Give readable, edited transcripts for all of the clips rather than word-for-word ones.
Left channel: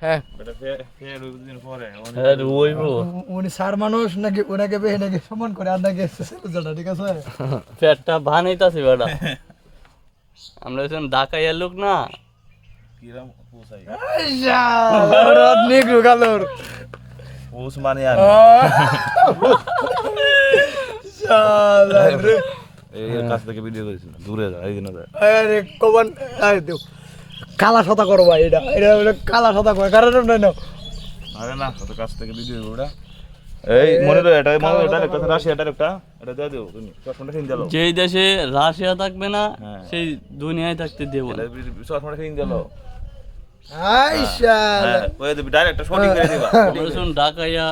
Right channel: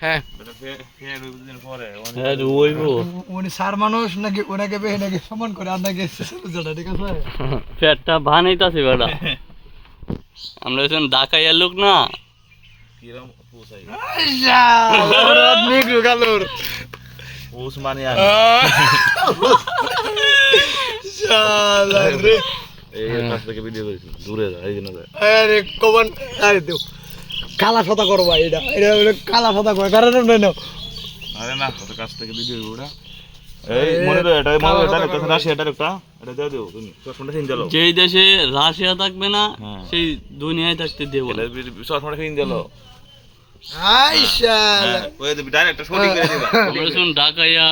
হ্যাঁ উনি সার মানুষ নাকি ওনাকে বেহে নাকি সমান করে আর নাকি ঠিক আছে পেটটা বানাইতাছি বেটা আমরা এখন ঢাকাইয়া লোক না কালা সাদা করবা এটা এটা কালা সাদা করে কারণ নয় না আরে না তো কাছ থেকে ভিডিও গুড়া এই মনে তো এটা রাশিয়াটার একটা এটা দাও দিও তুমি কোনটা ফিন দিলো যেই দেশে রাশিয়া থাকবে না সেই দুনিয়ায় থাকতে দেব না সবসময় ফিন দিলো আইসা ওই তো ডাইরেক্ট একটা শুটিং করে দিবা আমরা শুন ঢাকাইয়া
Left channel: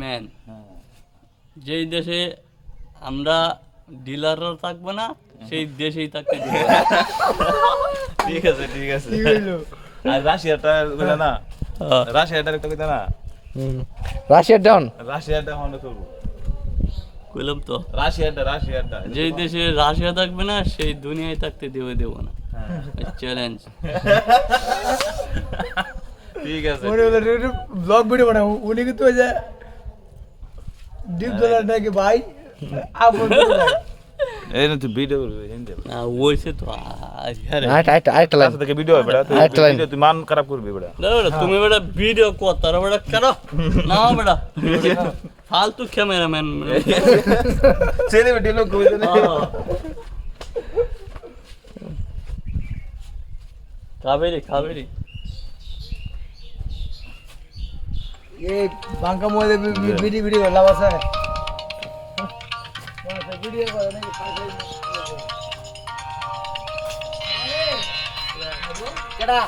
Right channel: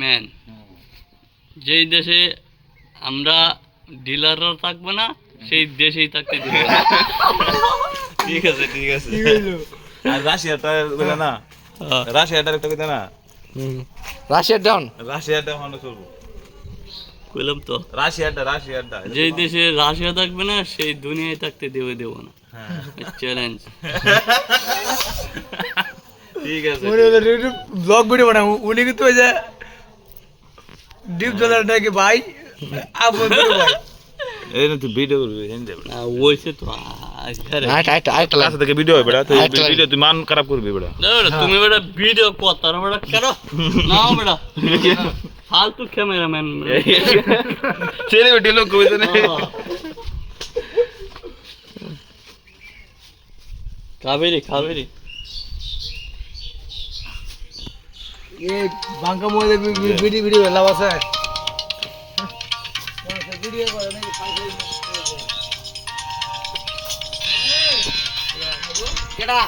ম্যান যেই দেশে আমরা ডিলাররা থাকবে না সেই দেশেই থাকতে দেব না ঠিক আছে আর রাশিয়াটা বলে না রাশিয়াটার একটা কথা না রাশিয়ার ডাউন রাশিয়াটা হলো চলবো কইলাম তো রাশিয়াটা যেই দেশে রাশিয়া থাকবে না সেই দুনিয়ায় থাকতে দেব না চ্যালেঞ্জ ঠিক আছে ব্লগ ভিডিও বানাও উনি কিন্তু ওই যে ডিপ ডলার নাকি ভাই আপন ভাই এই না তুই ভিডিও করবি হিন্দি ওইসে তো আরেকটা লাইন থেকে ভিডিও হবে বেটা তুই ভিডিও তুই মান খারাপ করবি বেটা তুমি বেটা ভিডিও করতার বেটা করো না বেটা ফালতু ক্যামেরাম্যান ছেলে ভিডিও লোক কইতে না কাবেরি এই বাঙ্কা মধ্যে ভিডিও লাভ আছে ভিডিও করে নাকি কেডা